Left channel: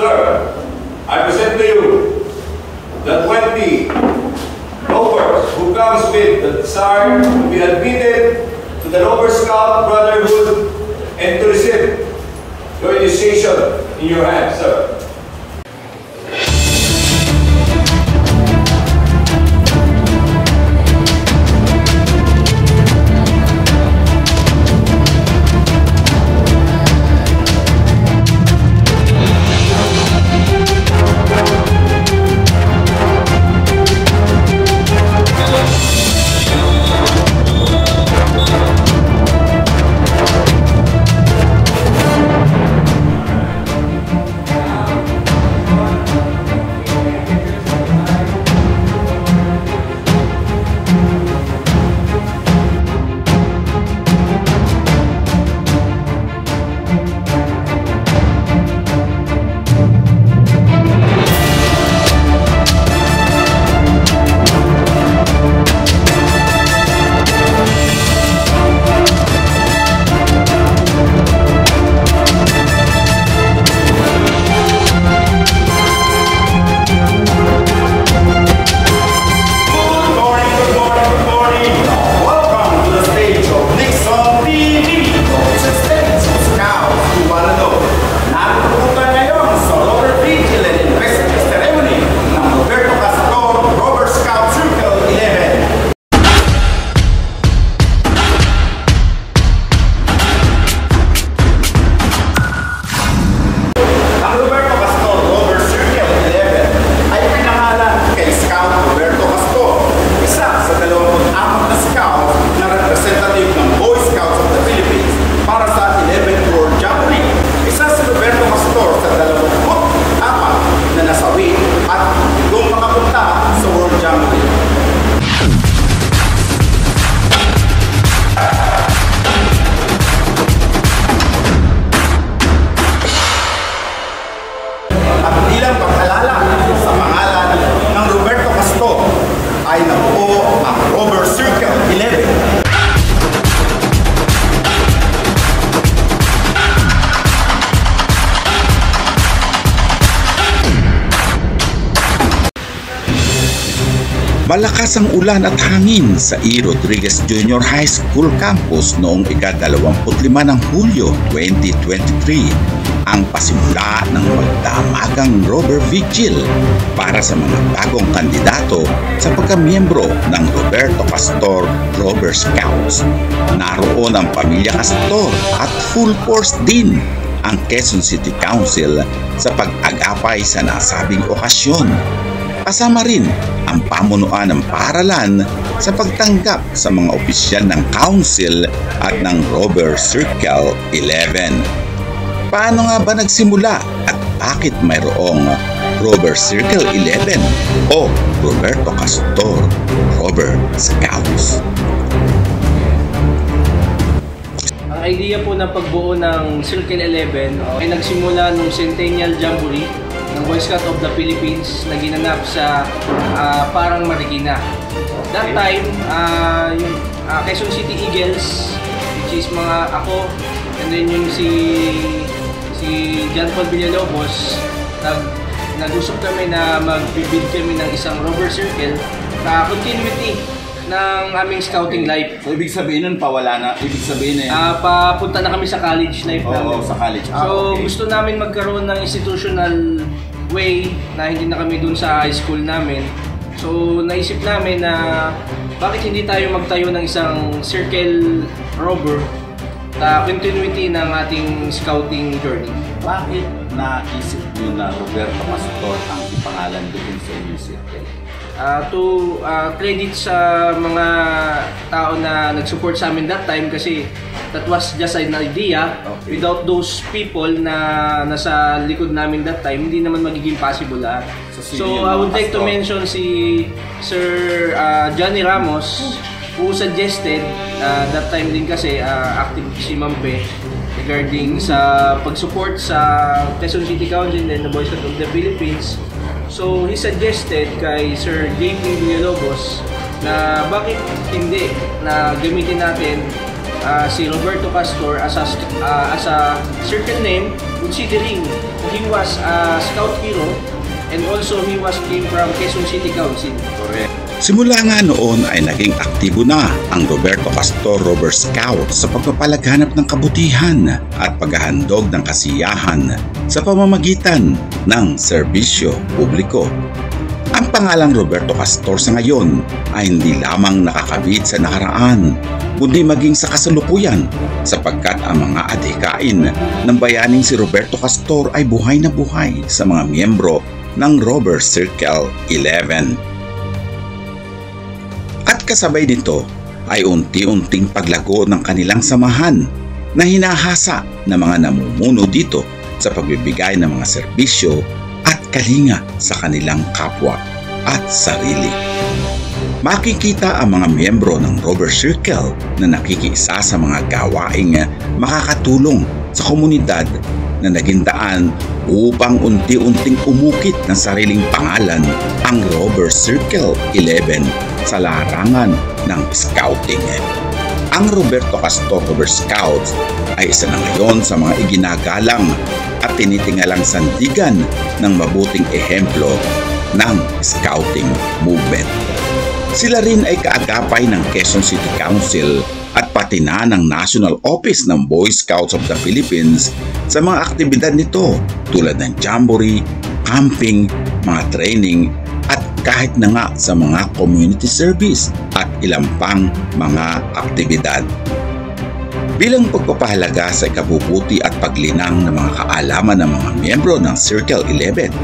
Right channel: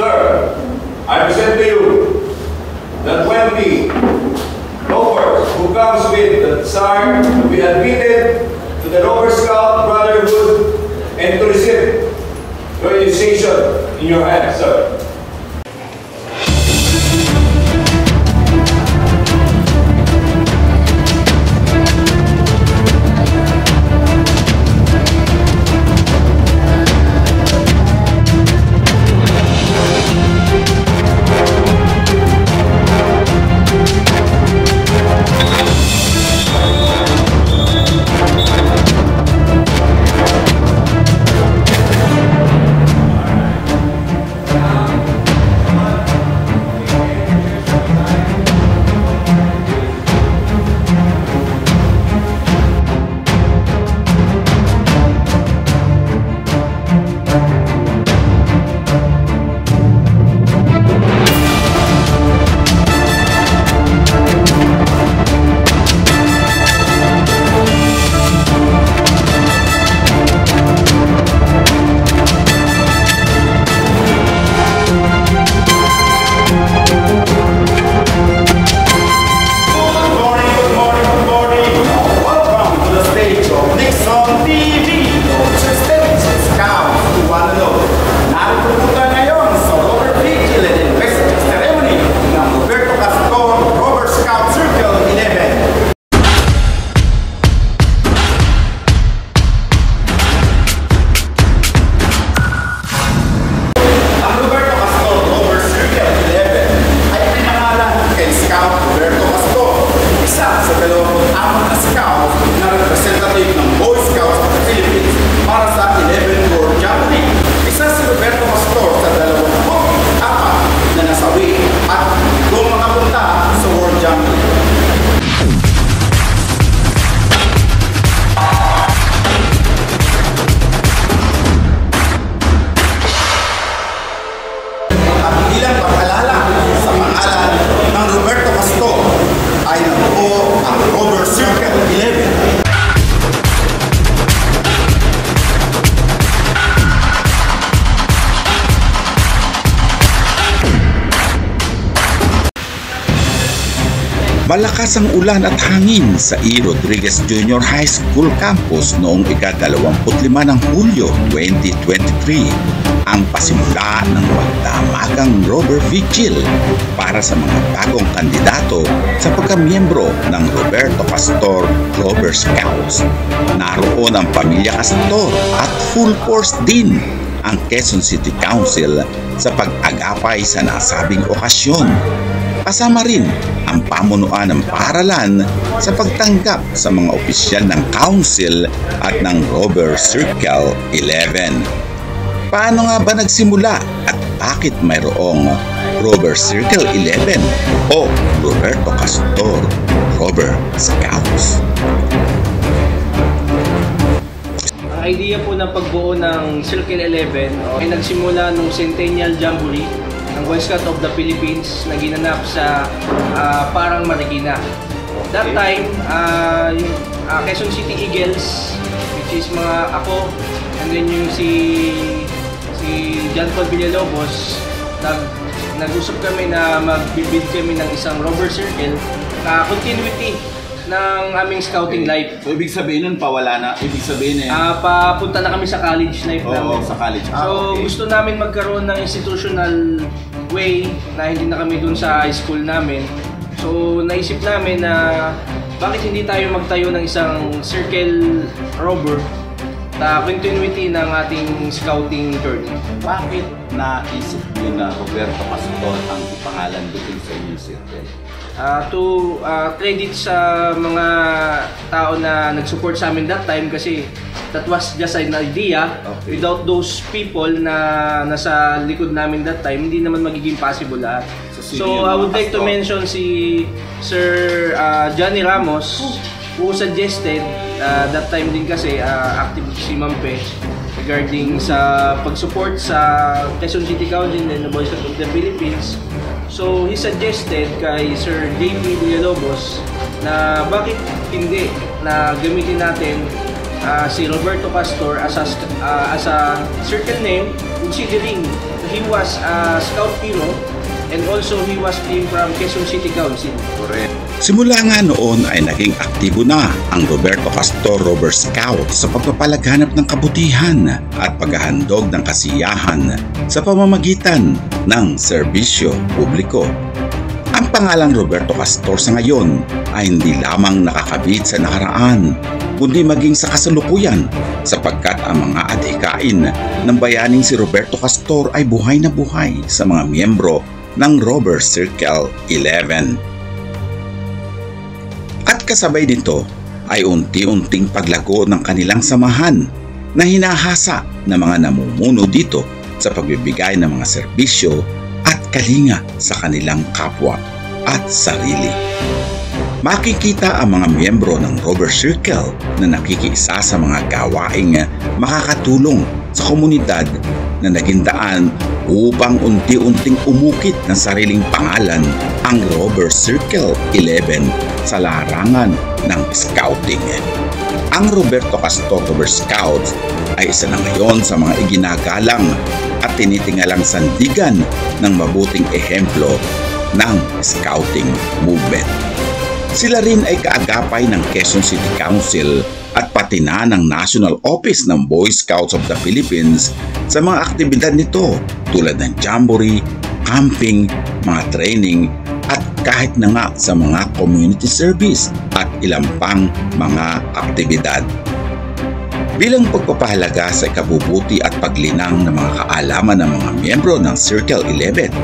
Sir, I present to you the 20 Rovers who comes with the desire to be admitted to the Rover Scout Brotherhood and to receive your initiation in your hands, sir. At bilang pag-alala sa pangalan ng Roberto Castor ay nabuo ang Rover Circle 11. Malakas ang ulan at hangin sa E. Rodriguez Junior High School campus noong ika-25 ng Hulyo 2023 ang pasimula ng magdamagang Rover Vigil para sa mga bagong kandidato sa pagkamiyembro ng Roberto Castor Rover Scouts. Naroon ang pamilya Castor at full force din ang Quezon City Council sa pag-agapay sa nasabing okasyon. Kasama rin ang pamunuan ng paaralan sa pagtanggap sa mga opisyal ng council at ng Rover Circle 11. Paano nga ba nagsimula at bakit mayroong Rover Circle 11 o Roberto Castor Rover Scouts? Ang idea po ng pagbuo ng Circle 11 ay nagsimula nung Centennial Jamboree ng Boy Scout of the Philippines na ginanap sa Parang Marikina. That time, yung Quezon City Eagles, which is mga ako, and then yung si John Paul Villalobos, nag-usap kami na magbibid kami ng isang Rover Circle na continuity ng aming scouting life. So ibig sabihin nun pawala na, ibig sabihin papunta na kami sa college life namin. sa college. So Okay. gusto namin magkaroon ng institutional way na hindi na kami dun sa high school namin. So naisip namin na bakit hindi tayo magtayo ng isang Circle Rover na continuity ng ating scouting journey. Bakit naisip niyo na Roberto Castor ang ipangalan doon sa inyong circle? To credit sa mga tao na nag-support sa amin that time kasi that was just an idea. Okay. Without those people na nasa likod namin that time, hindi naman magiging possible lahat. So I would like to mention si Sir Johnny Ramos who suggested that time din kasi active si Mampe regarding sa pag-support sa Quezon City Council and the Boy Scout of the Philippines. So he suggested kay Sir JP Villalobos na bakit hindi na gamitin natin si Roberto Castor as a circle name considering he was a scout hero and also he was came from Quezon City Council. Correct. Simula nga noon ay naging aktibo na ang Roberto Castor Rover Scouts sa pagpapalaganap ng kabutihan at paghahandog ng kasiyahan sa pamamagitan ng serbisyo publiko. Ang pangalang Roberto Castor sa ngayon ay hindi lamang nakakabit sa nakaraan, kundi maging sa kasalukuyan sapagkat ang mga adhikain ng bayaning si Roberto Castor ay buhay na buhay sa mga miyembro ng Rover Circle 11. At kasabay nito ay unti-unting paglago ng kanilang samahan na hinahasa ng mga namumuno dito sa pagbibigay ng mga serbisyo at kalinga sa kanilang kapwa at sarili. Makikita ang mga miyembro ng Rover Circle na nakikiisa sa mga gawaing makakatulong sa komunidad na naging daan upang unti-unting umukit ng sariling pangalan ang Rover Circle 11 sa larangan ng scouting. Ang Roberto Castor Rover Scouts ay isa na ngayon sa mga iginagalang at tinitingalang sandigan ng mabuting ehemplo ng scouting movement. Sila rin ay kaagapay ng Quezon City Council at pati na ng National Office ng Boy Scouts of the Philippines sa mga aktibidad nito tulad ng jamboree, camping, mga training at kahit na nga sa mga community service at ilang pang mga aktibidad. Bilang pagpapahalaga sa ikabubuti at paglinang ng mga kaalaman ng mga miyembro ng Circle 11,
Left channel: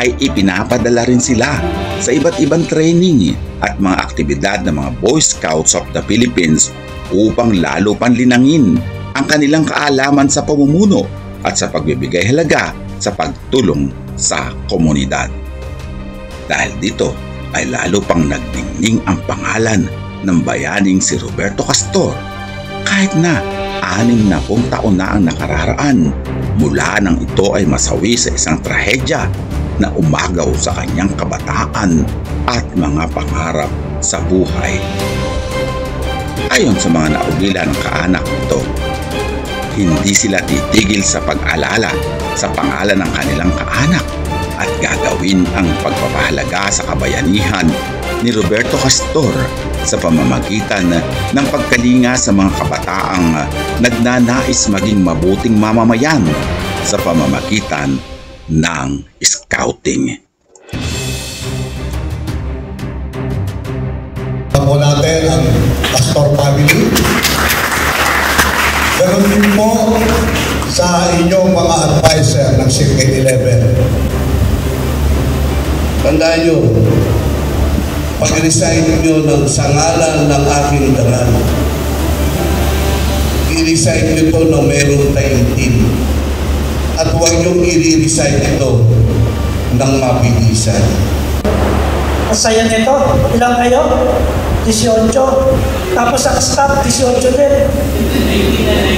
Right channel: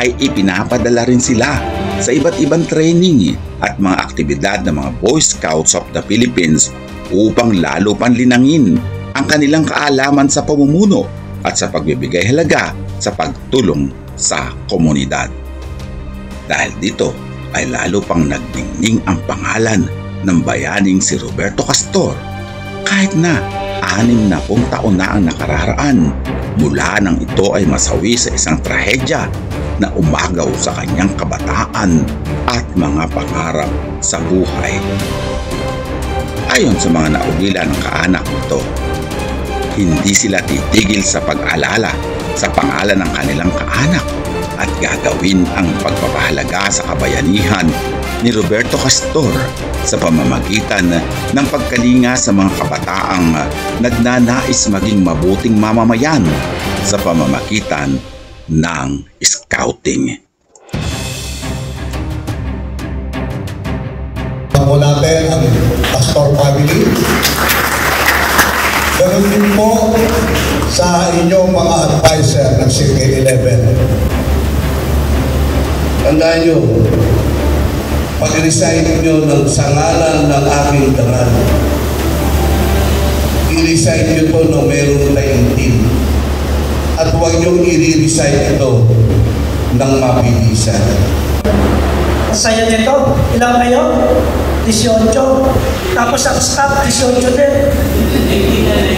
ay ipinapadala rin sila sa iba't ibang training at mga aktibidad ng mga Boy Scouts of the Philippines upang lalo pang linangin ang kanilang kaalaman sa pamumuno at sa pagbibigay halaga sa pagtulong sa komunidad. Dahil dito ay lalo pang nagdingning ang pangalan ng bayaning si Roberto Castor kahit na 60 taon na ang nakararaan mula nang ito ay masawi sa isang trahedya na umagaw sa kanyang kabataan at mga pangarap sa buhay. Ayon sa mga naugila ng kaanak nito, hindi sila titigil sa pag-alala sa pangalan ng kanilang kaanak at gagawin ang pagpapahalaga sa kabayanihan ni Roberto Castor sa pamamagitan ng pagkalinga sa mga kabataang nagnanais maging mabuting mamamayan sa pamamagitan ng scouting. Ako natin ang Castor family. Ganun din po sa inyong mga advisor ng Circle 11. Tandaan nyo, pag-recite nyo ng sangalan ng aking dangal, i-recite nyo ito na mayroong taimtim. At huwag nyo i-recite ito ng mabilisan. Masaya nito. Ilang kayo? 18. Tapos ang staff, 18 din.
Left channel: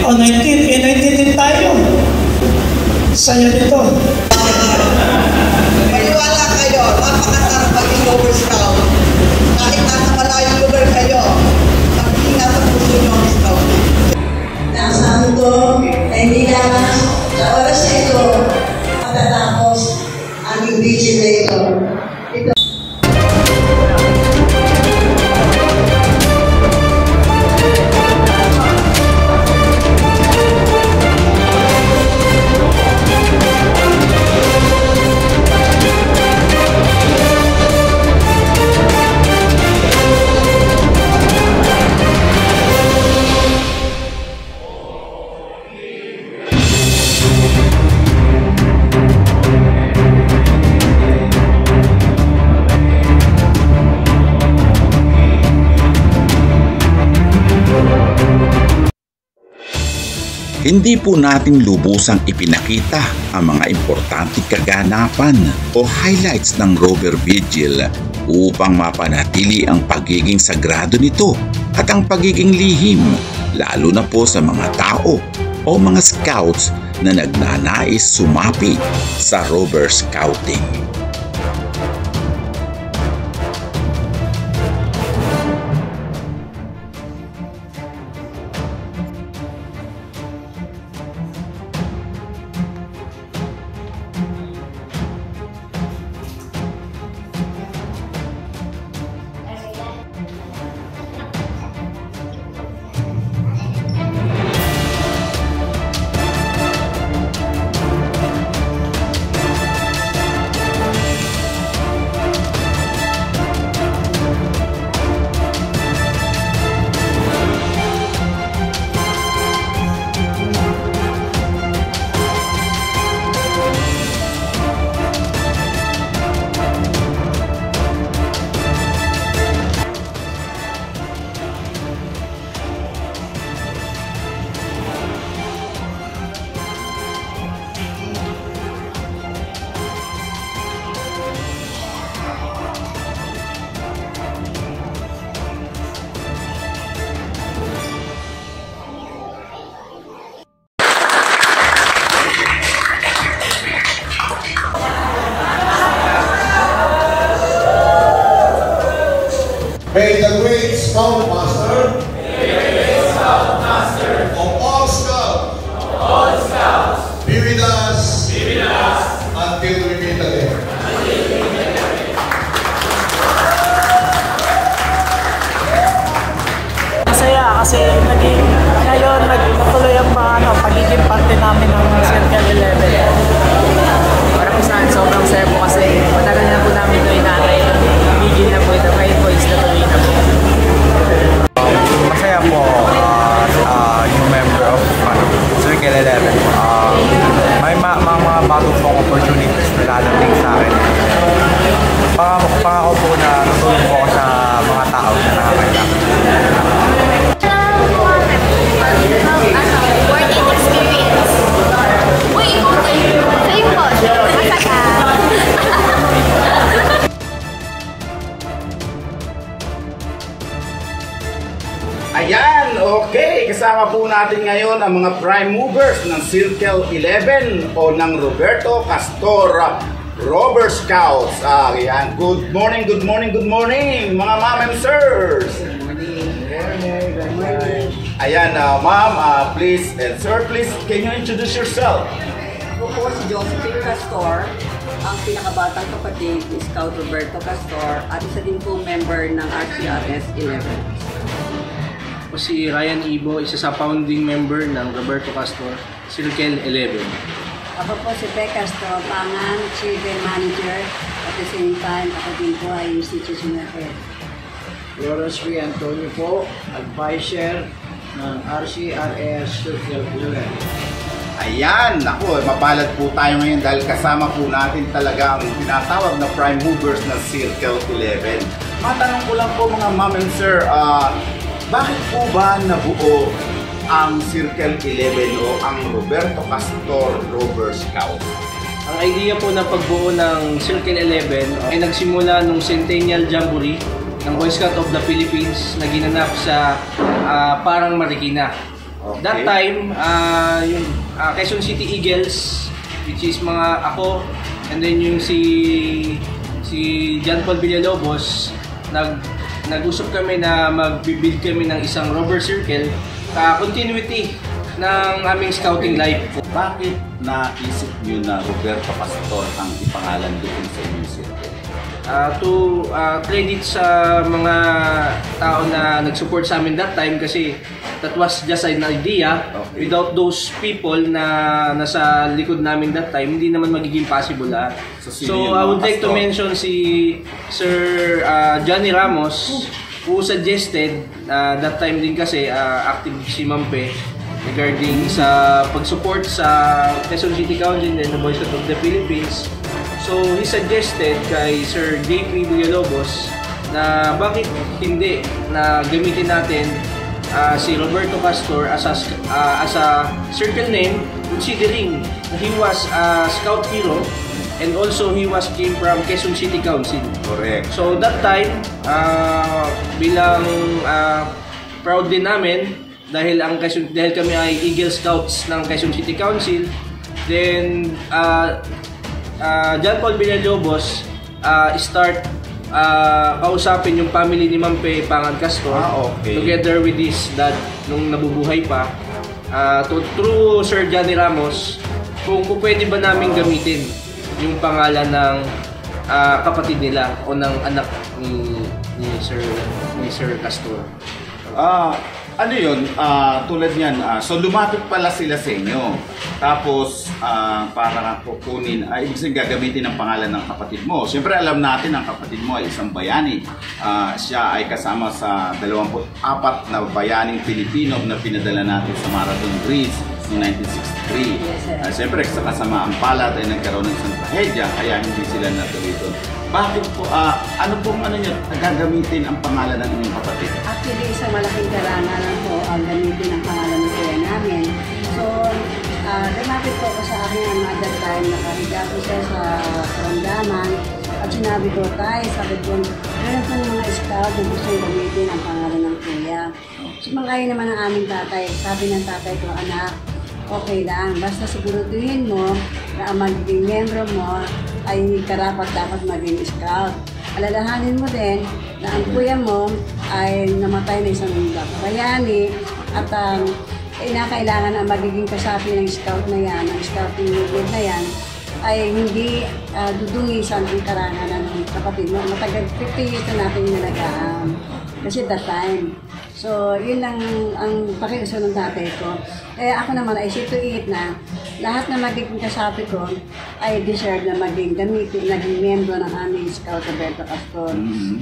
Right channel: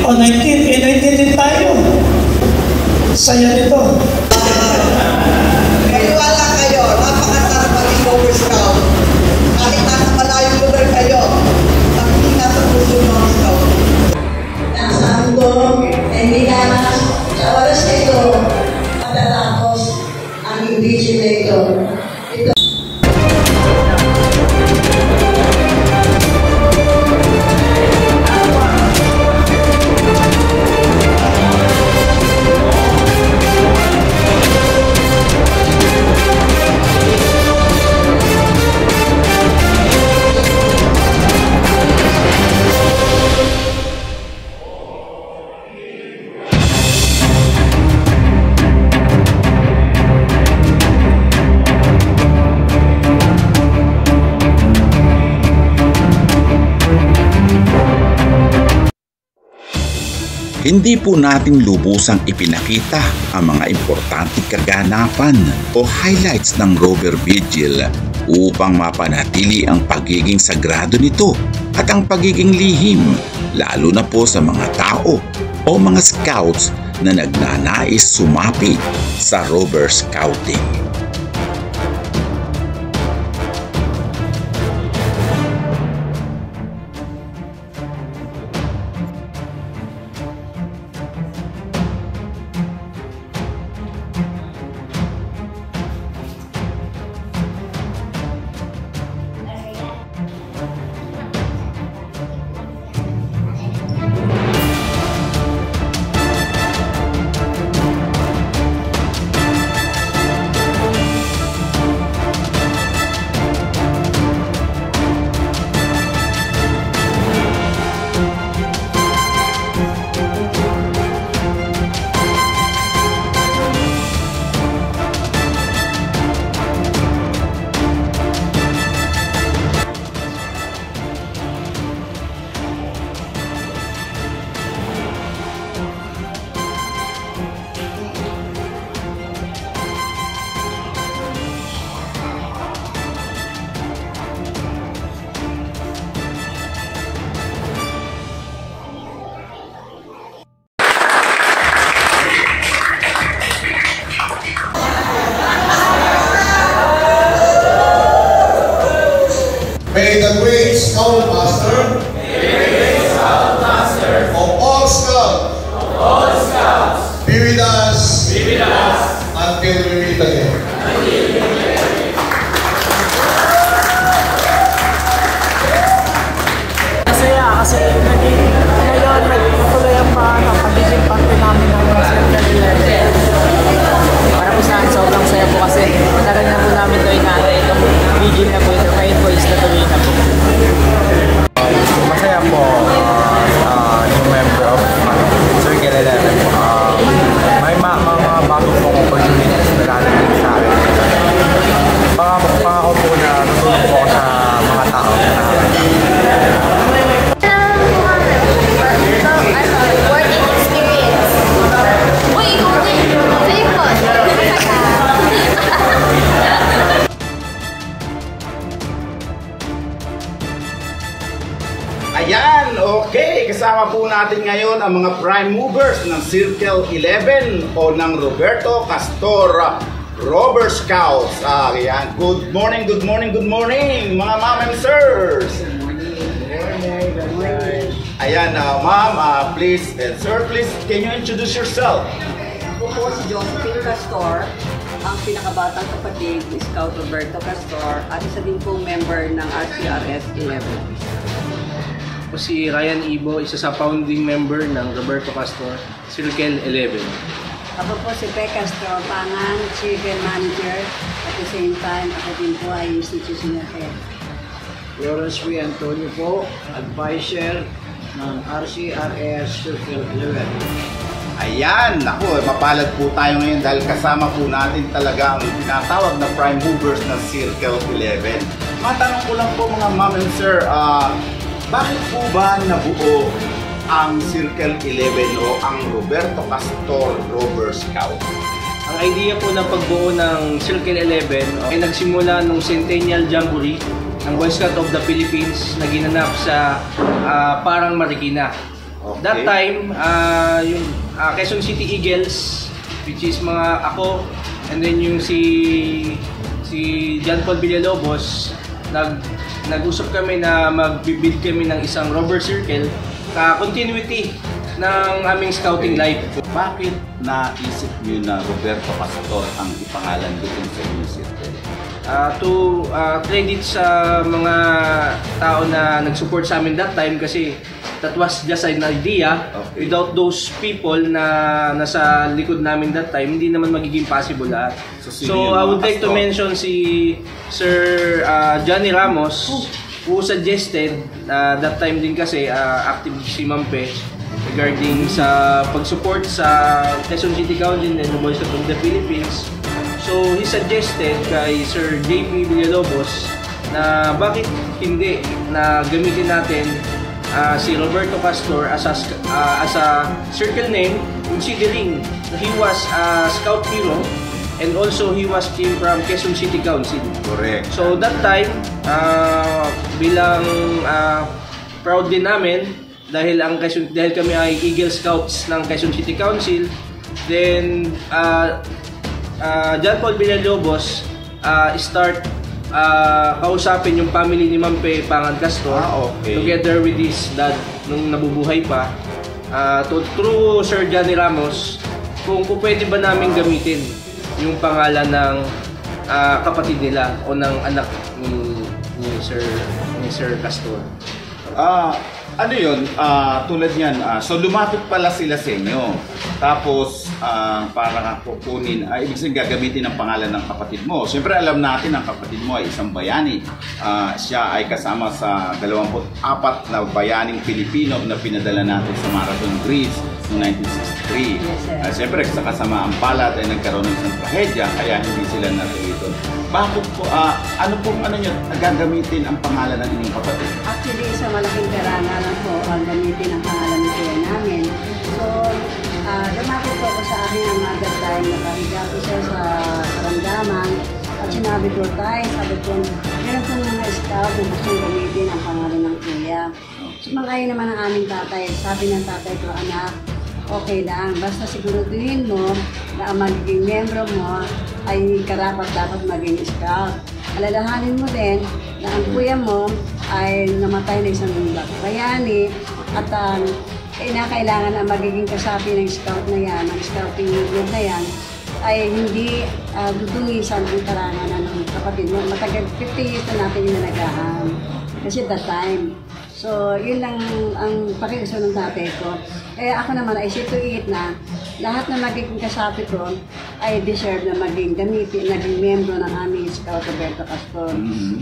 O 19. 19 din tayo. Saya nito. Maniwala kayo, napakasarap maging Rover Scout. Kahit nasa malayong lugar kayo, mag-ingat ang puso nyo ang scout. Nasa mundo, hindi lamang sa oras na ito, matatapos ang invigilator. Hindi po natin lubusang ipinakita ang mga importanteng kaganapan o highlights ng Rover Vigil upang mapanatili ang pagiging sagrado nito at ang pagiging lihim, lalo na po sa mga tao o mga scouts na nagnanais sumapi sa Rover Scouting. until we meet again. Masaya kasi ngayon nagtutuloy ang pagiging parte namin ng Circle 11. Para po saan, sobrang saya po kasi matagal na po namin ito inaantay itong vigil na po ito. Ngayon po is natuloy na po. Masaya po yung member of Circle 11 po. May mga bagong pong opportunities na dadating sa akin. Pangako po na tutulong po ako sa mga tao na nakakailangan. Working experience. Uy, feeling ko, Ayan, okay. Kasama po natin ngayon ang mga prime movers ng Circle 11 o ng Roberto Castor Robber Scouts. Ayan, good morning, good morning, good morning, mga ma'am and sirs. Ayan, ma'am, please, and sir, please, can you introduce yourself? Ako po si Josephine Castor, ang pinakabatang kapatid ni Scout Roberto Castor at isa din po member ng RCRS 11. Ako si Ryan Ibo, isa sa founding member ng Roberto Castor, Circle 11. Ako po si Pe Castro, Pangang, Children Manager. At the same time, ako din po ay institutional head. Lawrence V. Antonio po, advisor ng RCRS Circle 11. Ayan, naku, mapalad po tayo ngayon dahil kasama po natin talaga ang tinatawag na prime movers ng Circle 11. Matanong ko lang po mga ma'am and sir, bakit po ba nabuo ang Circle 11 o ang Roberto Castor Robber Scout? Ang idea po ng pagbuo ng Circle 11 ay nagsimula nung Centennial Jamboree ng Boy Scout of the Philippines na ginanap sa Parang Marikina. Okay. That time, yung Quezon City Eagles, which is mga ako, and then yung si John Paul Villalobos, nag-usap kami na mag-build kami ng isang robber circle, continuity ng aming scouting life. Bakit naisip nyo na Roberto Castor ang ipangalan doon sa inyong circle? To credit sa mga tao na nag-support sa amin that time kasi that was just an idea. Okay. Without those people na nasa likod namin that time, hindi naman magiging possible lahat. So I would like to mention si Sir Johnny Ramos who suggested that time din kasi active si Mampe regarding sa pag-support sa Quezon City Council and the Boy Scout of the Philippines. So he suggested kay Sir JP Villalobos na bakit hindi na gamitin natin si Roberto Castor as a circle name, considering he was a scout hero and also he came from Quezon City Council. Correct. So that time, bilang proud din namin dahil kami ay Eagle Scouts ng Quezon City Council, then John Paul Villalobos start kausapin yung family ni Mampe Pangan Castor okay. Together with his dad nung nabubuhay pa, through Sir Johnny Ramos kung pwede ba namin gamitin yung pangalan ng kapatid nila o ng anak ni Sir Castor. Ano yun, tulad niyan, so lumapit pala sila sa inyo. Tapos, para kukunin, ibig sabihin gagamitin ang pangalan ng kapatid mo. Siyempre, alam natin ang kapatid mo ay isang bayani. Siya ay kasama sa 24 na bayaning Pilipino na pinadala natin sa Marathon Greece noong 1963. Yes, siyempre, sa kasamaan palad ay nagkaroon ng isang trahedya, kaya hindi sila natuloy doon. Bakit po, ano nyo, gagamitin ang pangalan ng inyong kapatid? Actually, isang malaking karangalan po ang gamitin ang pangalan ng kuya namin. So, lumapit po ako sa aking another time, nakahiga po siya sa karamdaman. At sinabi ko, sabi ko, meron po mga scout na gustong gamitin ang pangalan ng kuya. Sumangayon naman ang aming tatay. Sabi ng tatay ko, anak, okay lang. Basta siguruduhin mo na ang magiging membro mo ay karapat-dapat maging scout. Alalahanin mo din na ang kuya mo ay namatay na isang bayani at kailangan ang magiging kasapi ng scout na yan, ng scouting unit na yan, ay hindi dudungisan ang karangalan ng kapatid mo. Matagal, 50 years na natin inalagaan. Kasi that time. So, yun lang ang pakiuso ng tatay ko. Ako naman ay see to it na lahat na magiging kasapi ko ay deserve na maging gamitin, naging membro ng aming Scout Roberto Castor.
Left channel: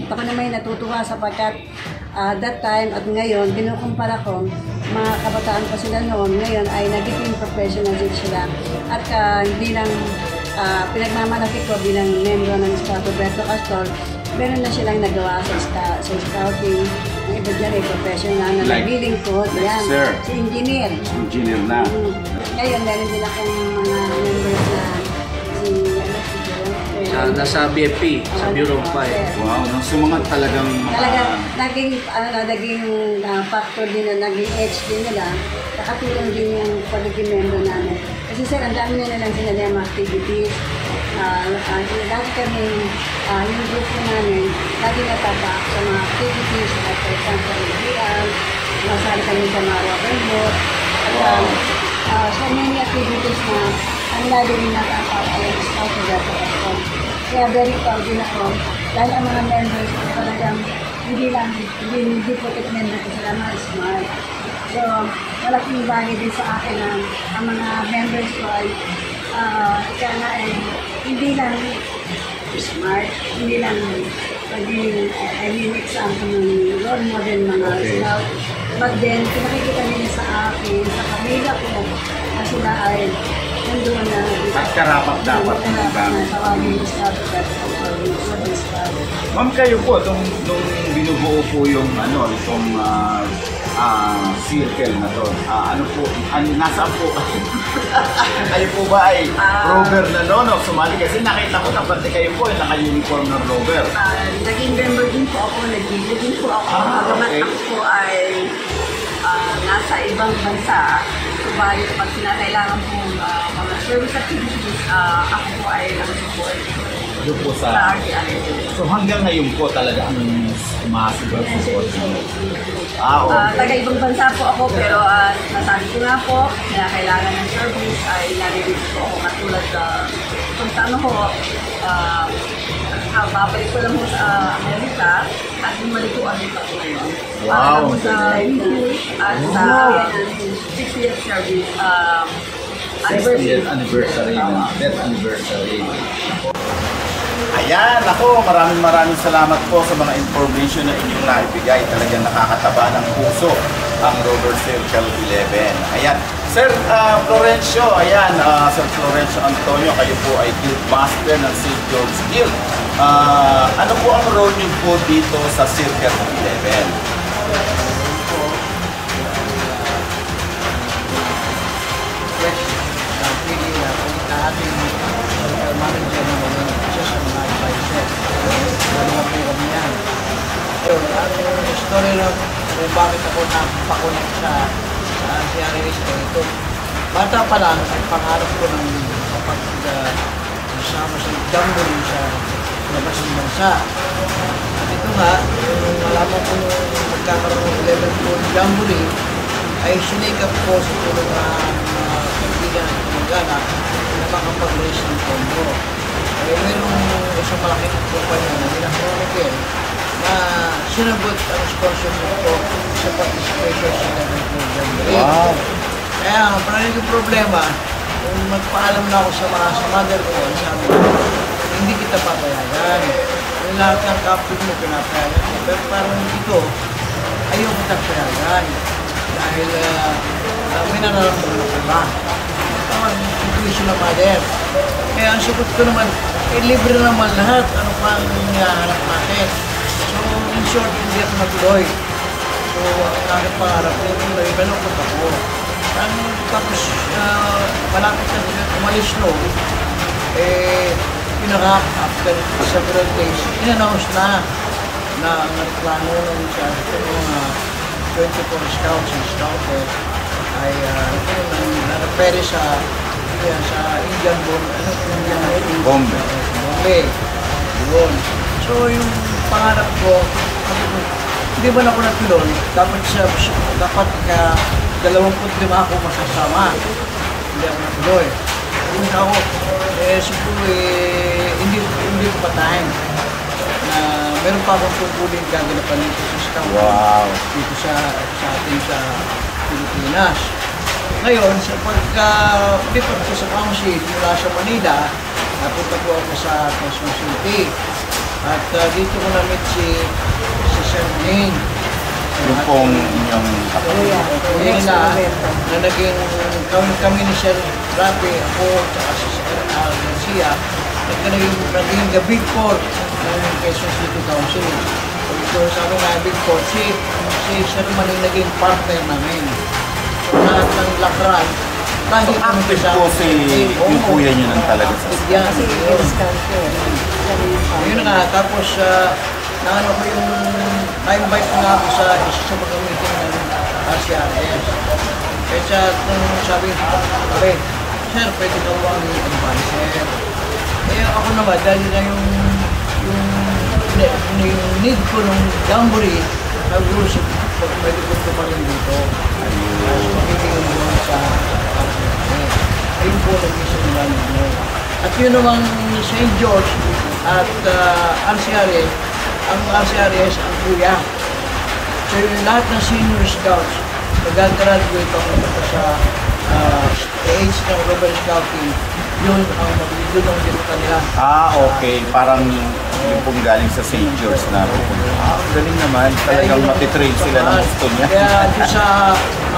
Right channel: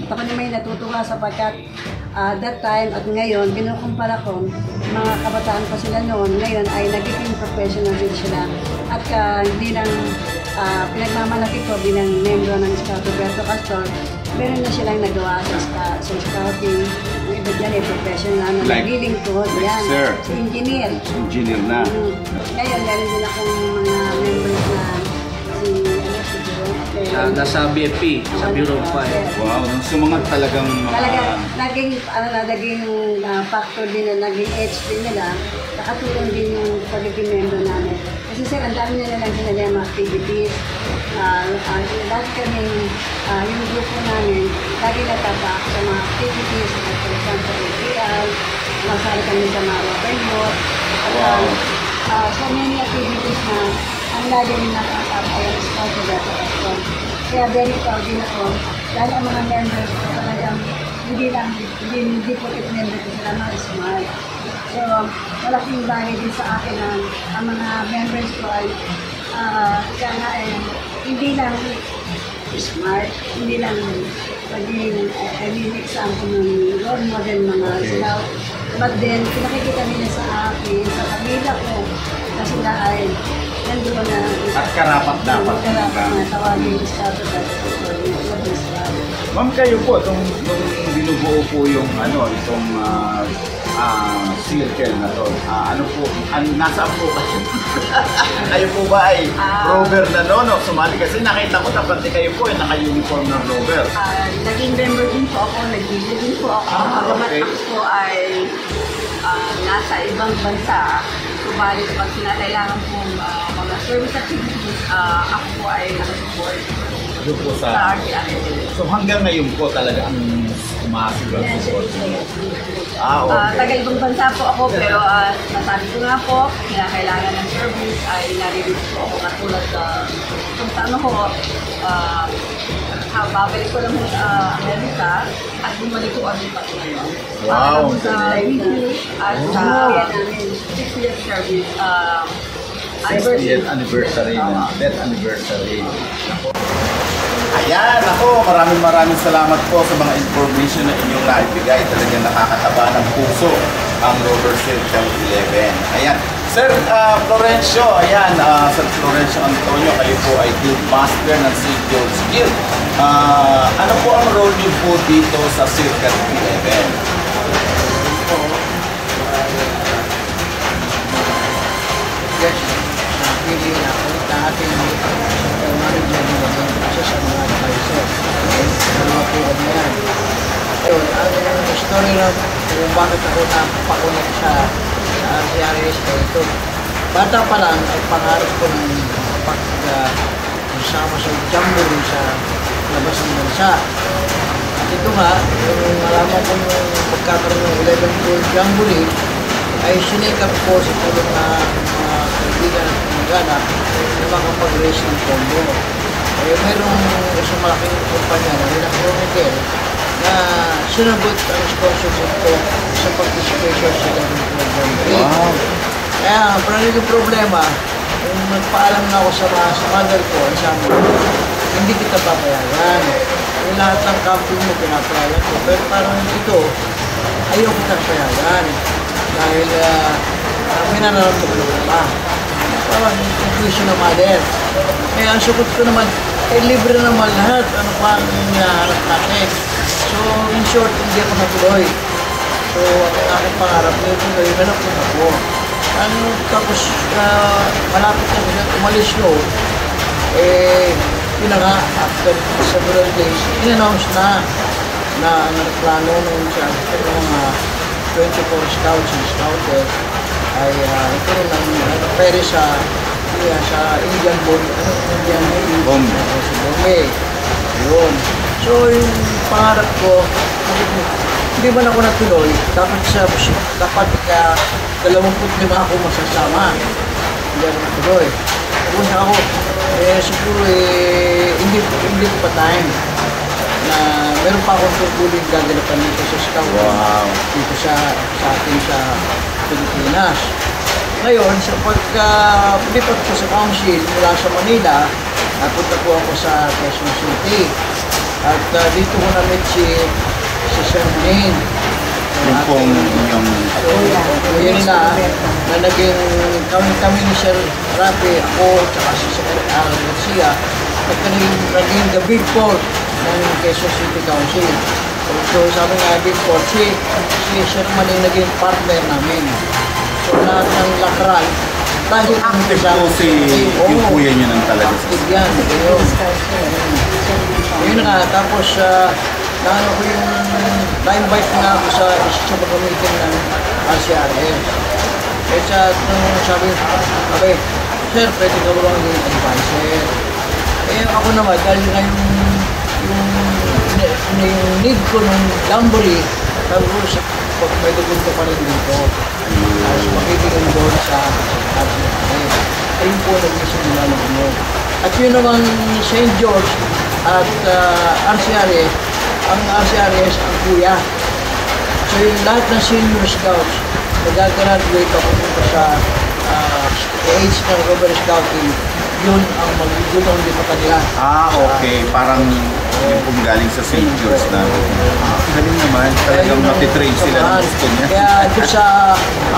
At ako naman ay natutuwa sapagkat that time at ngayon, kinukumpara ko, mga kabataan pa sila noon, ngayon ay nagiging professional din sila. At hindi lang pinagmamalaki ko bilang membro ng Scout Roberto Castor, meron na silang nagawa sa scouting. Ang iba dyan ay professional na naglilingkod. Yan, si engineer. Engineer na. Ngayon, meron din akong mga members na nasa BFP, sa Bureau of Fire. Wow, so mga talagang naging factor din na naging edge din nila, nakatulong din yung pagiging member namin. Kasi sir, ang dami nila lang sila mga activities. Lagi kami, yung grupo namin, lagi natapak sa mga activities, like for example, APL, masali kami sa mga rubber boat, at so many activities na ang lagi rin natapak ay ang Scout Roberto Castor. Kaya very proud din ako dahil ang mga members ko talagang hindi putit member ko sila mga smart. So, malaking bagay din sa akin na ang mga members ko ay kaya nga hindi lang smart, hindi lang maging example ng role model mga scout. But then, pinakikita nila sa akin, sa pamilya ko, na sila ay nandoon na. At karapat dapat. Tawagin yung scout of that scout. Ma'am, kayo po, nung binubuo po yung itong circle na to, nasaan po? Kayo po ba ay rover na sumali? Kasi nakita ko tapos kayo po ay naka-uniform ng rover. Naging member din po ako, naging po ako. Ako po ay nasa ibang bansa. Subalit pag kinakailangan po mga service activities, ako po ay nakasupport. Doon po sa So hanggang ngayon po talaga ang umasigaw sa support niyo? Taga-ibang bansa po ako pero nasabi ko nga po, kailangan ng service ay nare-reach po ako katulad kung saan ako babalik ko lang sa Amerika at bumalik ko ulit ako ngayon. Para lang po sa review at sa 6-year service anniversary. Death anniversary. Ayan, ako, maraming salamat po sa mga information na inyong naibigay. Talagang nakakataba ng puso ang Rover Circle 11. Ayan. Sir Florencio, ayan, Sir Florencio Antonio, kayo po ay Guild Master ng St. George Guild. Ano po ang role niyo po dito sa Circle 11? Yes, pili na po na ating central manager na maging isa sa mga advisors. Dalawa po kami yan. Ayun, ang story na kung bakit ako napakonect sa RCRS ay ito. Bata pa lang ay pangarap ko ng makapag-isama sa jamboree sa labas ng bansa. At ito nga, nung malaman ko yung magkakaroon ng 11th World Jamboree, ay sinikap ko sa tulong ng mga kaibigan at kamag-anak na makapag-raise ng pondo. Mayroong isang malaking kumpanya, Manila Chronicle, na sinagot ang sponsorship ko sa participation sa 11th World Jamboree. Wow. Kaya parang yung problema, kung magpaalam na ako sa mother ko, ang sabi ko, hindi kita papayagan. Yung lahat ng camping mo, pinapayagan ko. Pero parang ito, ayaw kita papayagan. Dahil may nararamdaman ako iba. Parang intuition ng mother. Kaya ang sagot ko naman, libre naman lahat. Ano pa ang hinaharap natin? So, in short, hindi ako natuloy. So, ang aking pangarap nyo, tuloy, punta ko. Tapos, malapit na sila, umalis noon, after several days, in-announce na ang plano ng mga 24 scouts and scouters ay nagkaroon ng peri sa Indian Bombay. Yun. So, yung pangarap ko, hindi man ako natuloy, dapat kaya 25 ako masasama. Hindi ako natuloy. Tapos ako, Siguro hindi ko pa time na meron pa akong tungkulin gagalapan dito sa scout. Dito sa atin sa Pilipinas. Ngayon, sa pagka-lipat ko sa council mula sa Manila, napunta po ako sa Quezon City. At dito ko na-meet si Sir Manin. Yung pong inyong kuya na naging kami ni Sir Rapi, ako, tsaka si Sir Al Garcia, naging the big four ng Quezon City Council. So sabi nga, big four, si Sir Manin naging partner namin. So lahat ng lakran, dahil kami kasama yung kuya niyo nang talaga. Yan, yun. Yun nga, tapos naano ko yung na-invite nga ako sa isa mga meeting ng RCRS. Kaya sabi, Sir, pwede ka ba maging advisor? Eh ako naman, dahil nga yung need ko nung jamboree, sabi ko, pwede punto pa rin dito. At makikita involved sa RCRS. Ayun po naging simula ng ano. At yun naman St. George at RCRS, ang RCRS ang kuya. So yung lahat ng senior scouts nag-graduate pa pupunta sa age ng Robert Scouting, yun ang mag-yun ang dito kanila. Okay. Parang yung pumigaling sa St. George na. Galing naman. Kaya matitrain sila ng gusto niya. Kaya doon sa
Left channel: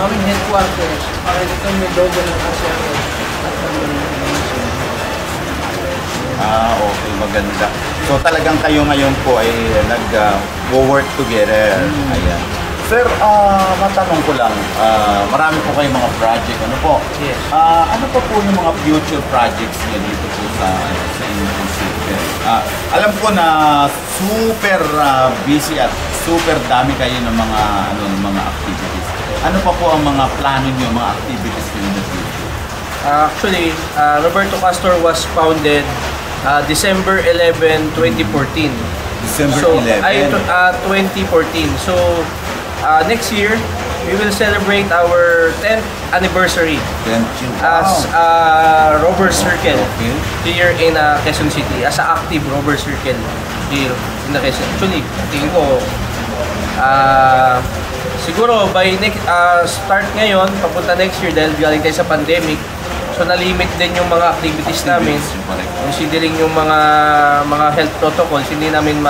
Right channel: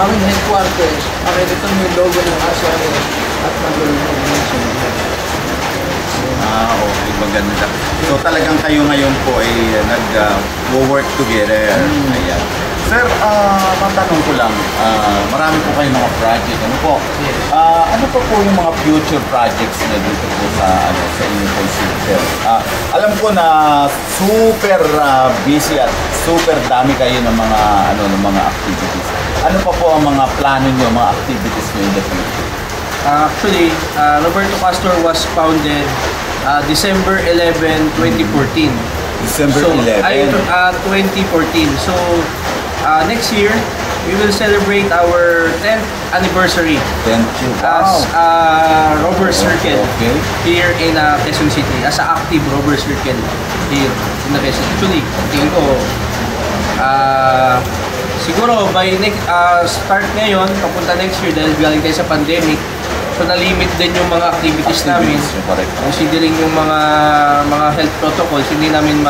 aming headquarters, makikita yung logo ng RCRS at nandun ang logo ng St. George. Okay, maganda. So talagang kayo ngayon po ay nag-work together. Ayan. Sir, matanong ko lang, marami po kayong mga project. Ano po? Ano pa po yung mga future projects na dito po sa inyong consultant? Alam ko na super busy at super dami kayo ng mga activities. Ano pa po ang mga plano niyo, mga activities niyo in the future? Actually, Roberto Castor was founded December 11, 2014. December 11? 2014. So, next year, we will celebrate our 10th anniversary 10th year. Wow. As Rover Circle here in Quezon City. As an active Rover Circle here in the Quezon. Actually, tingin ko, siguro by next start ngayon, papunta next year dahil galing tayo sa pandemic, so na-limit din yung mga activities namin. Considering yung mga health protocols, hindi namin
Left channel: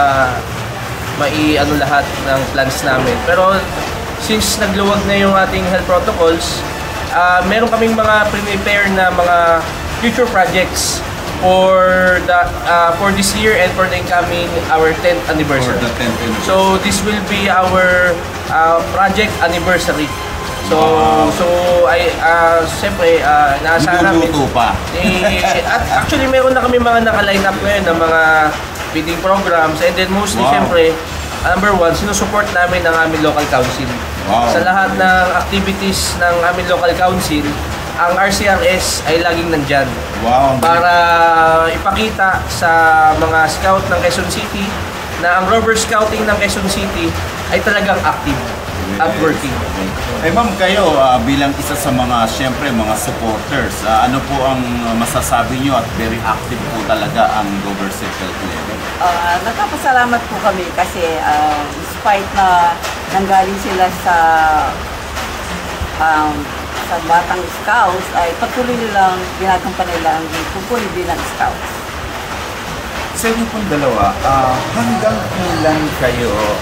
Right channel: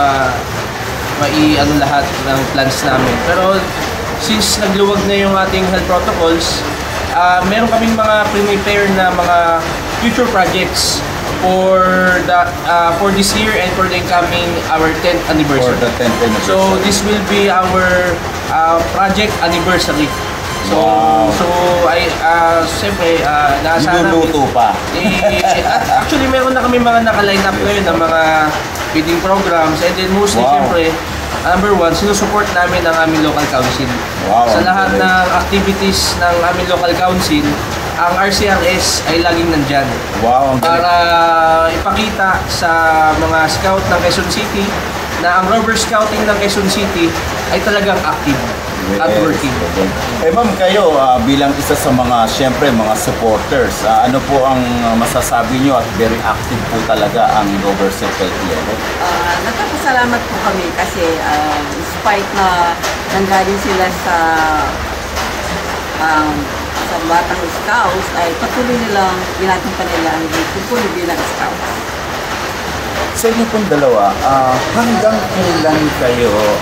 mai-ano lahat ng plans namin. Pero since nagluwag na yung ating health protocols, meron kaming mga prepare na mga future projects for this year and for the incoming our 10th anniversary. For the 10th anniversary. So this will be our project anniversary. So siyempre naasahan namin. Niluluto pa. Actually meron na kami mga naka-line up ngayon ng mga feeding programs, and then mostly siyempre number one, sinusupport namin ang aming local council. Wow. Sa lahat ng activities ng aming local council, ang RCRS ay laging nandyan. Wow. Para ipakita sa mga scout ng Quezon City na ang Rover Scouting ng Quezon City ay talagang active at working. Ma'am, kayo bilang isa sa mga, syempre, mga supporters, ano po ang masasabi nyo at very active po talaga ang Rover Circle here? Nagpapasalamat po kami kasi despite na nanggaling sila sa Batang Scouts, ay patuloy nilang ginagawa nila ang pupuli bilang Scouts. Sa inyo pong dalawa, hanggang kailan kayo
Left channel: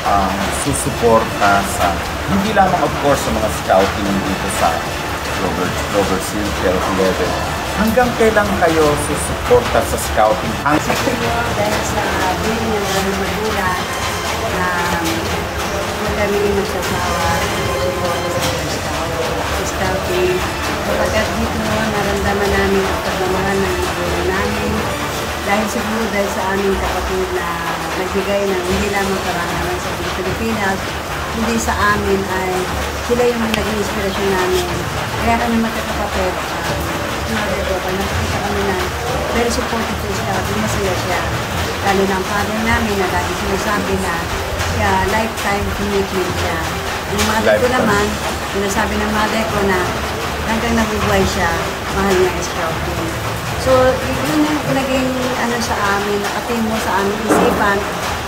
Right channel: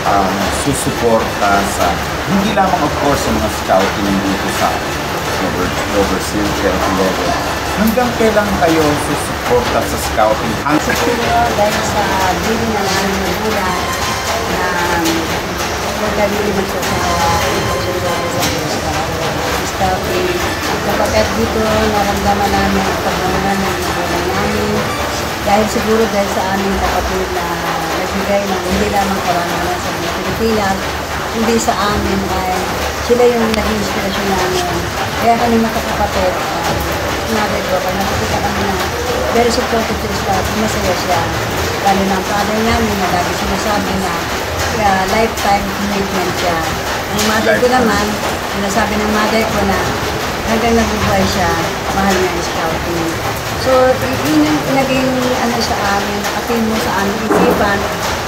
susuporta sa, hindi lamang of course sa mga scouting dito sa Rover Circle 11, hanggang kailan kayo susuporta sa scouting? Siguro dahil sa bili ng aming magulang na kung kami magsasawa ng pagsuporta sa scouting, kapag dito naramdaman namin ang pagmamahal ng magulang namin. Dahil siguro dahil sa aming kapatid na nagbigay ng hindi lamang karangalan sa mga Pilipinas, hindi sa amin ay sila yung naging inspirasyon namin. Kaya kami magkakapatid, sinabi ko, pag nakikita kami na very supportive sa scouting, masaya siya. Lalo na ang father namin na lagi sinasabi na lifetime commitment siya. Ang mother ko naman, sinasabi ng mother ko na hanggang nabubuhay siya, mahal niya ang scouting. So, yun yung naging sa amin, nakatin mo sa aming isipan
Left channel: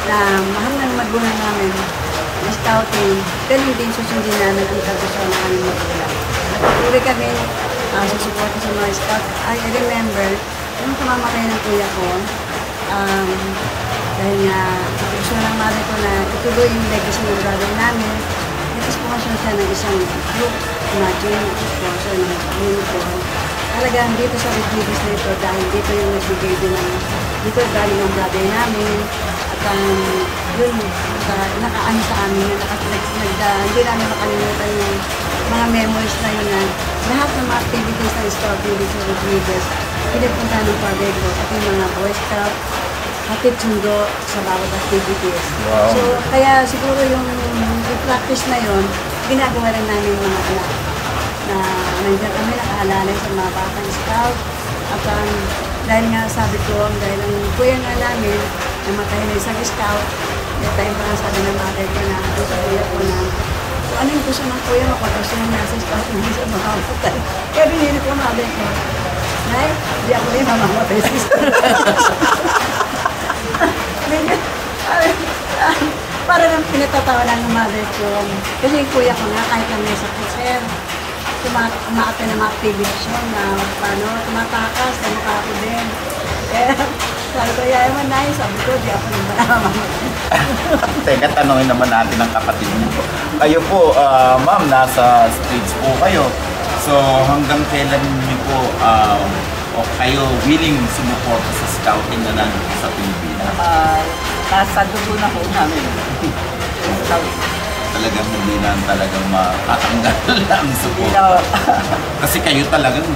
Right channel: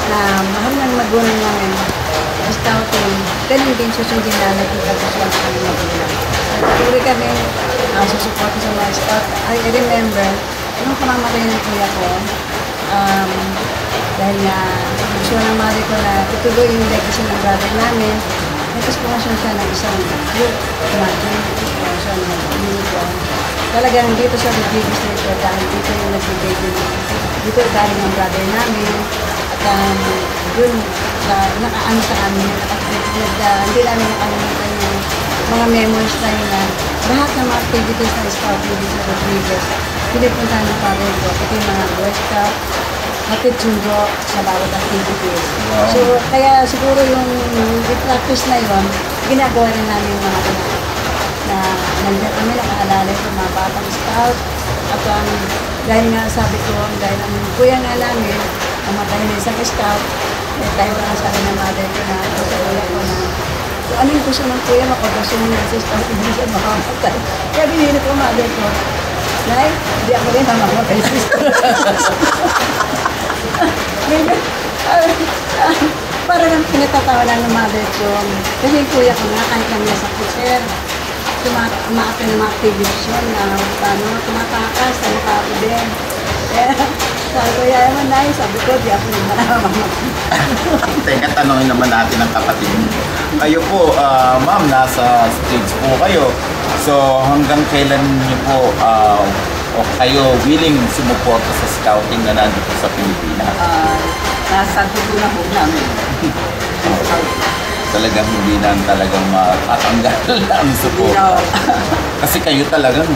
na mahal ng magulang namin ang scouting. Ganun din susundin namin ang kagustuhan ng aming magulang. Patuloy kami susuporta sa mga scout. I remember, nung kamamatay ng kuya ko, dahil nga gusto ng mother ko na ituloy yung legacy ng brother namin, nag-sponsor siya ng isang group, imagine, sponsor ng uniform. Talagang dito siya nag-bigis na ito dahil dito yung nagbigay din dito galing ang brother namin. At yun, nakaano sa amin, hindi namin makalimutan yung mga memories na yun na lahat ng mga activities ng scouting dito sa Rodriguez, pinipunta ng father ko, pati mga Boy Scout, hatid sundo sa bawat activities. Wow. So, kaya siguro yung i-practice na yon ginagawa rin namin mga anak na nandiyan kami nakaalala sa mga batang scout. At dahil nga sabi ko, dahil ang kuya nga namin, namatay na isang scout, dahil pa nga sabi ng mother ko na, sa kuya ko na, so ano yung gusto ng kuya, makagasunin niya sa scout, hindi siya mamamatay. Kaya binili ko mother ko, Nay, hindi ako rin mamamatay sa scout. Para nang pinatatawanan ng mother ko. Kasi yung kuya ko nga, kahit lang nasa kusir, umaakit ng mga activities yun na paano, tumatakas, sa mukha ko din. Kaya sabi ko, yaya mo, Nay, sabi ko, di ako nang manamamatay. Teka, tanongin naman natin ang kapatid niyo. Kayo po, ma'am, nasa stage po kayo. So, hanggang kailan niyo po o kayo willing sumuporta sa scouting na nandito sa Pilipinas? Nasa dugo na po namin. Talagang hindi na talagang matatanggal ang support. Kasi kayo talagang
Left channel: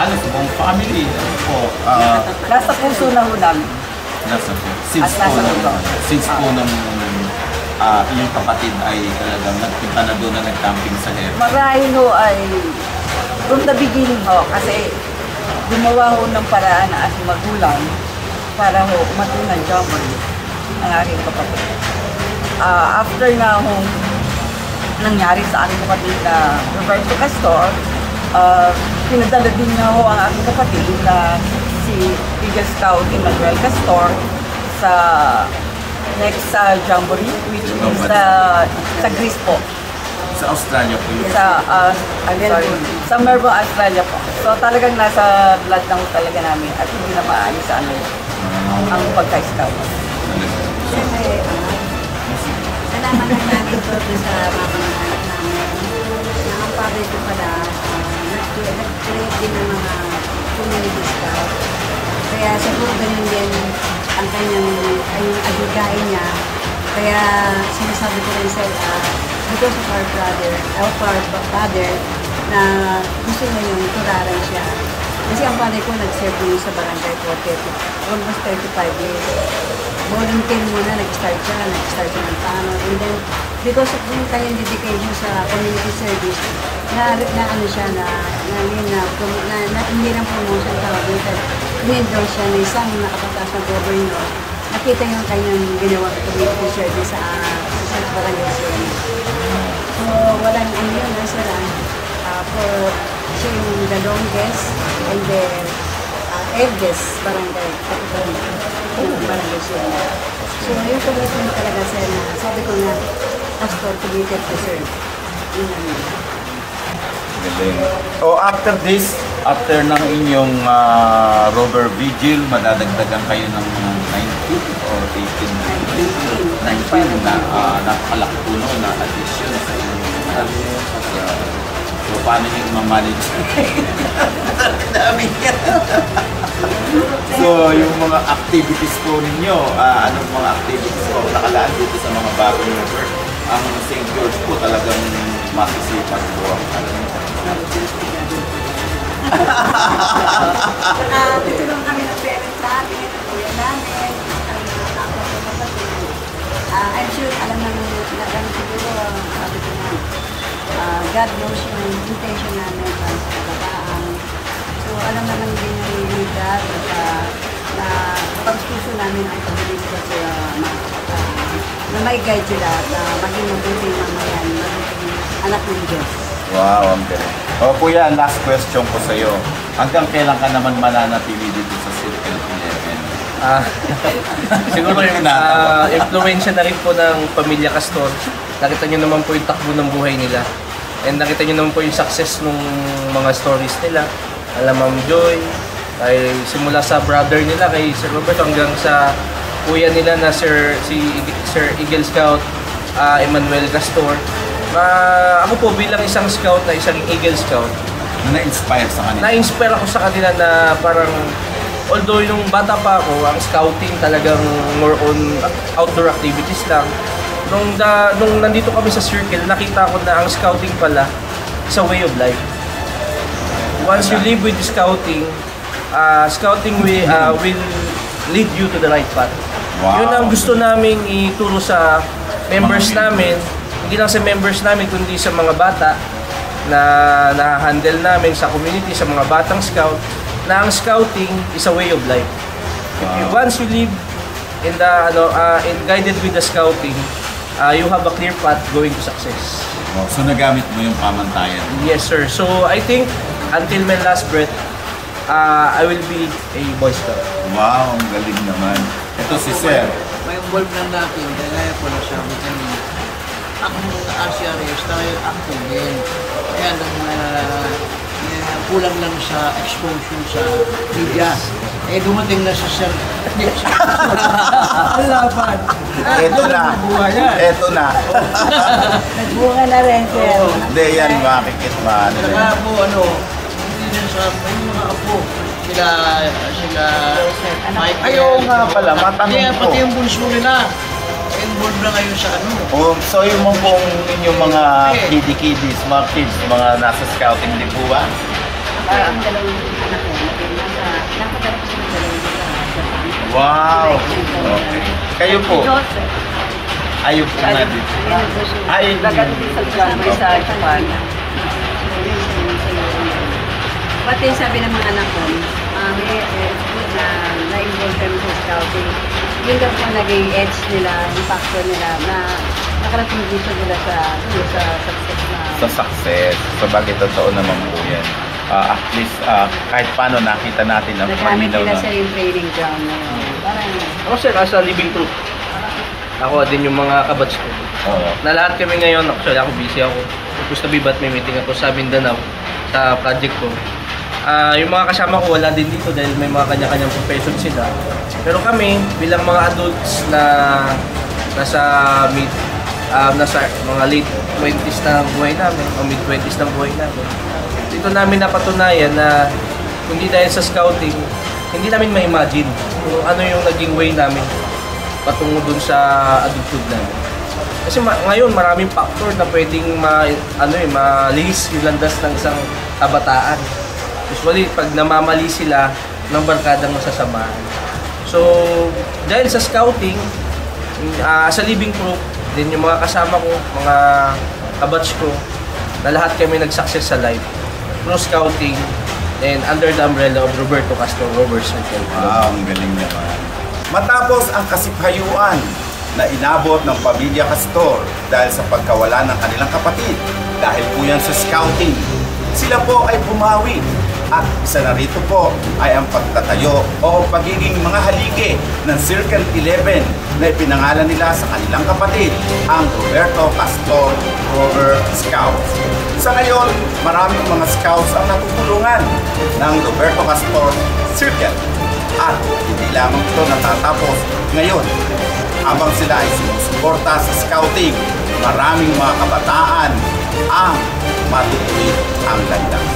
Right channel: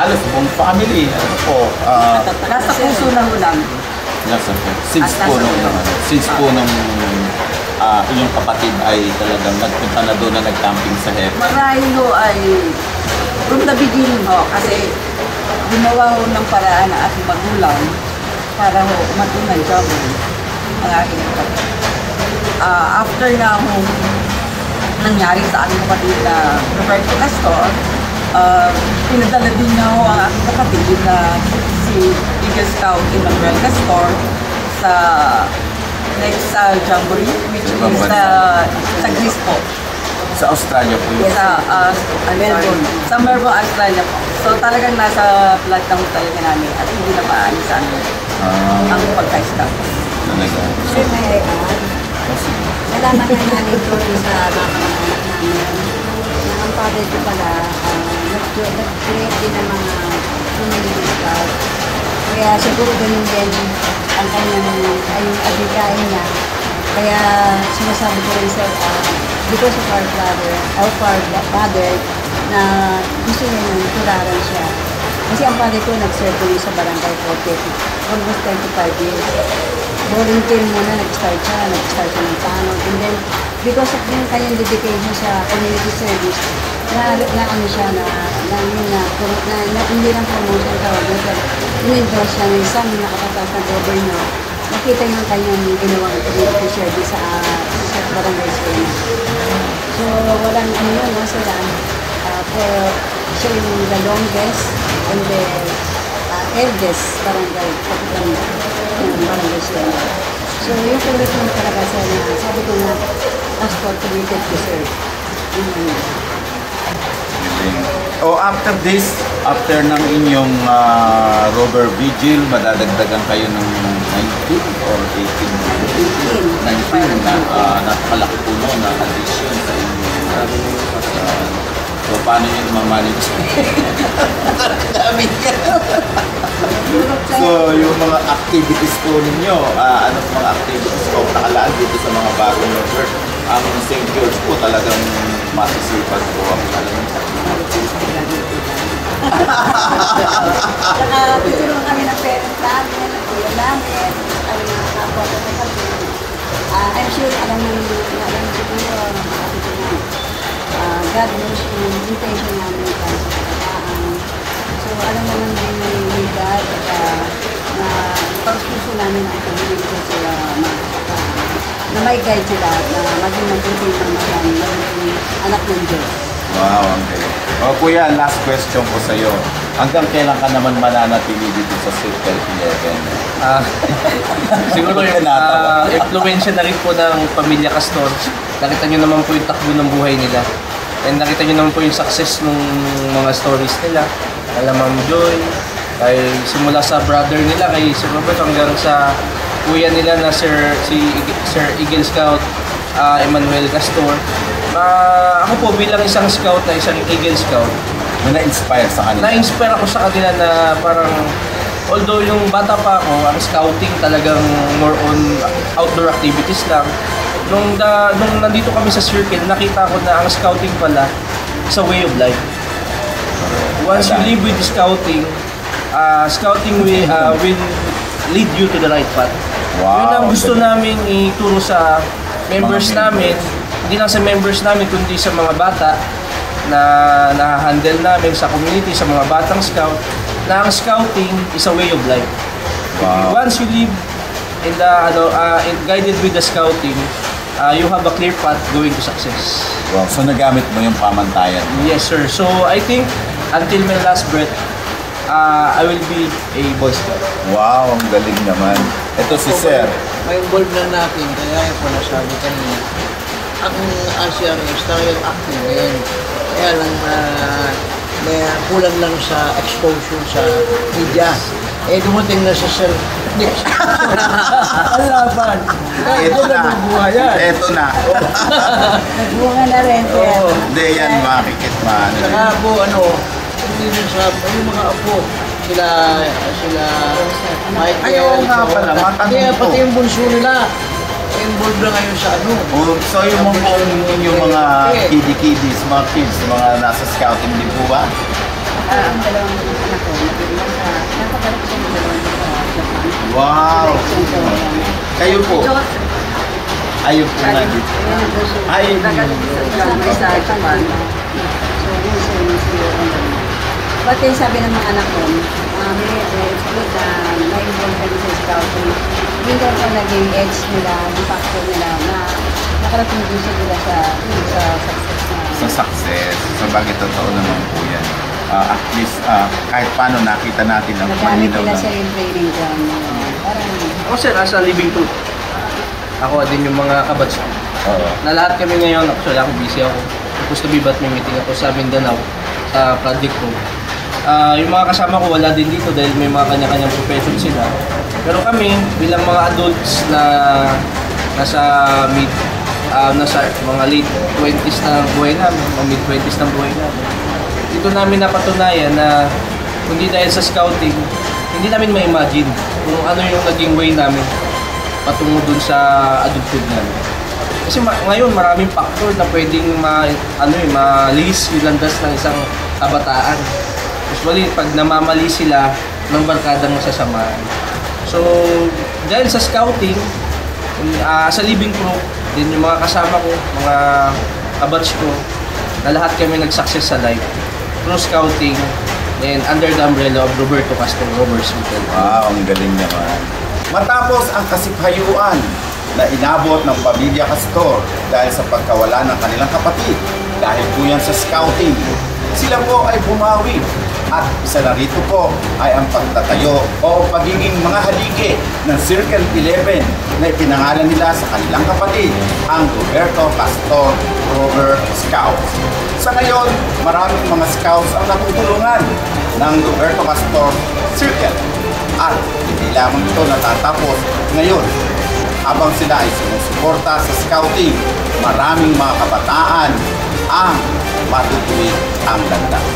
halos buong family. Ano po? Nasa puso lang po namin. Nasa po. Since po nung inyong kapatid ay talagang nagpunta na doon na nag-camping sa Heaven. Marahil ho ay from the beginning ho, kasi gumawa ho ng paraan ng aking magulang para ho umatunay gawin ang aking kapatid. After na ho nangyari sa aking kapatid na Roberto Castor, pinadala din niya ho ang aking kapatid na si Eagle Scout Emmanuel Castor sa next Jamboree, which is sa Greece po. Sa Australia po yun? Sa Melbourne, Australia po. So talagang nasa blood na ho talaga namin at hindi na maayos ang pagka-scout. Siyempre, nalaman na namin ito sa mga kamag-anak namin na ang father ko pala nag-create din ng mga community scout. Kaya siguro ganun din ang kanyang agikain niya. Kaya sinasabi ko rin sir, because of our father, na gusto niya yung tularan siya. Kasi ang father ko nag-serve ko sa barangay for almost 35 years. Volunteer muna, nag-start siya ng tanod. And then, because of yung kanyang dedication sa community service, na ano siya, hindi ng promotion tawag doon. In-endorse siya ng isang nakatatas na governor. Nakita yung kanyang ginawang community service sa barangay Siena. So, walang ano yun, sir, siya yung the longest and the eldest barangay, kapitan ng barangay Siena. So, yung commitment talaga sir na, sabi ko nga, Castor committed to serve. Yun lang yun. After this, after ng inyong Robert Vigil, madadagdagan kayo ng mga 19 or 18? 19 na napakalaki po noon na addition sa inyong so, paano nyo ma-manage? Dami yan. So, yung mga activities po ninyo, anong mga activities po nakalaan dito sa mga bagong member? Ang St. George po talagang masisipag po ang alam niya. Saka tutulungan kami ng parents namin, ng kuya namin, saka ng mga kapwa sa kapatid. I'm sure alam naman siguro, sabi ko na, God knows yung intention namin para sa kabataan. So alam naman din ni God na pagpuso namin ang pagbilig ko sa mga kabataan. Na may guide sila na maging mabuting mamayan, maging anak ng Diyos. Wow, ang galing. O kuya, last question ko sa'yo. Hanggang kailan ka naman mananatili dito sa Circle 11? Siguro yung influensya na rin po ng Pamilya Castor. Nakita nyo naman po yung takbo ng buhay nila. And nakita nyo naman po yung success ng mga stories nila. Alam Ma'am Joy, kay simula sa brother nila kay Sir Robert hanggang sa kuya nila na Sir Eagle Scout Emmanuel Castor. Ako po bilang isang scout na isang Eagle Scout na-inspire sa kanila. Na-inspire ako sa kanila na parang although yung bata pa ako, ang scouting talagang more on outdoor activities lang. Nung nandito kami sa Circle, nakita ko na ang scouting pala is a way of life. Once you live with scouting, scouting will lead you to the right path. Wow. Yun ang gusto naming ituro sa members namin, hindi lang sa members namin, kundi sa mga bata na na-handle namin sa community, sa mga batang scout, na ang scouting is a way of life. Wow. Once you live in the guided with the scouting, you have a clear path going to success. Wow. So nagamit mo yung pamantayan? Yes, sir. So I think until my last breath, I will be a Boy Scout. Wow, ang galing naman. Ito si Sir. May involved na natin, kaya po nasabi kanina. Ang RCRS dahil active ngayon. Kaya lang may kulang lang sa exposure sa media. Dumating na sa Sir. Ang laban. Ito na. Nagbuha yan. Ito na. Nagbunga na rin, Sir. Hindi yan makikit man. Saka po, hindi rin sa yung mga apo. Sila Michael. Pati yung bunso nila. Involved na ngayon sa So yung yung mga kiddies, mga kids, mga nasa scouting din po ba? Ako yung dalawang anak ko, napagano ko ng dalawang sa Japan. Wow! Kayo po? Ayun po nga dito. Ayun sa Japan. But yung sabi ng mga anak ko, Mami, it's good na na-involve kami sa scouting. Yun daw po naging edge nila, yung factor nila na nakarating din sila sa success. Sa success. So bagay totoo naman po yan. At least kahit paano nakita natin ang nagamit nila sa yung training ground na yun. Parang ako sir, as a living proof. Ako din yung mga kabats ko. Na lahat kami ngayon, actually ako busy ako. Supposed to be but may meeting ako sa Mindanao sa project ko. Yung mga kasama ko wala din dito dahil may mga kanya-kanyang profession sila. Pero kami bilang mga adults na nasa mga late 20s na buhay namin, o mid 20s na buhay namin. Dito namin napatunayan na kundi dahil sa scouting, hindi namin ma-imagine kung ano yung naging way namin patungo dun sa adulthood namin. Kasi ngayon maraming factor na pwedeng malihis yung landas ng isang kabataan. Usually, pag namamali sila ng barkadang sasamahan. So, dahil sa scouting, as a living proof, din yung mga kasama ko, mga kabatch ko, na lahat kami nag-success sa life. Through scouting, and under the umbrella of Roberto Castor, Robert Circle. Wow, ang galing naman. Matapos ang kasiphayuan na inabot ng Pamilya Castor dahil sa pagkawala ng kanilang kapatid, dahil po yan sa scouting, sila po ay bumawi. At isa na rito po ay ang pagtatayo o pagiging mga haligi ng Circle 11 na ipinangalan nila sa kanilang kapatid, ang Roberto Castor Rover Scouts. Sa ngayon, maraming mga scouts ang natutulungan ng Roberto Castor Circle. At hindi lamang ito natatapos ngayon. Habang sila ay sumusuporta sa scouting, maraming mga kabataan ang matutuwid ang landas.